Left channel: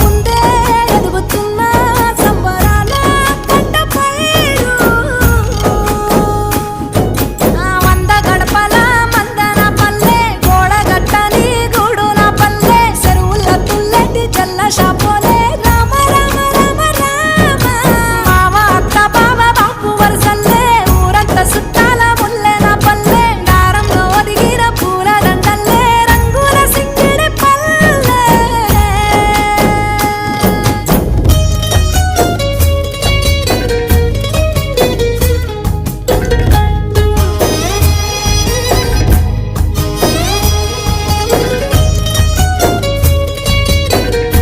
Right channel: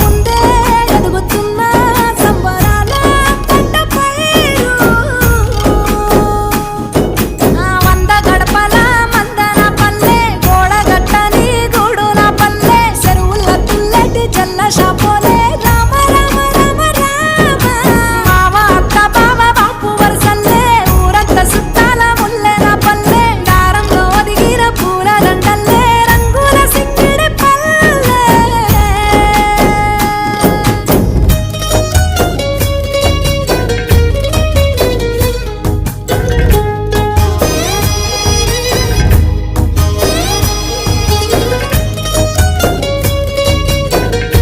ముందే ఎదుగుతున్న సంబరాల పంట పైరు వంద గడపల మందన పల్లె గోడ గట్టని గూడున పల్లె చెరువుల తుల్లటి జల్ల షాపోలే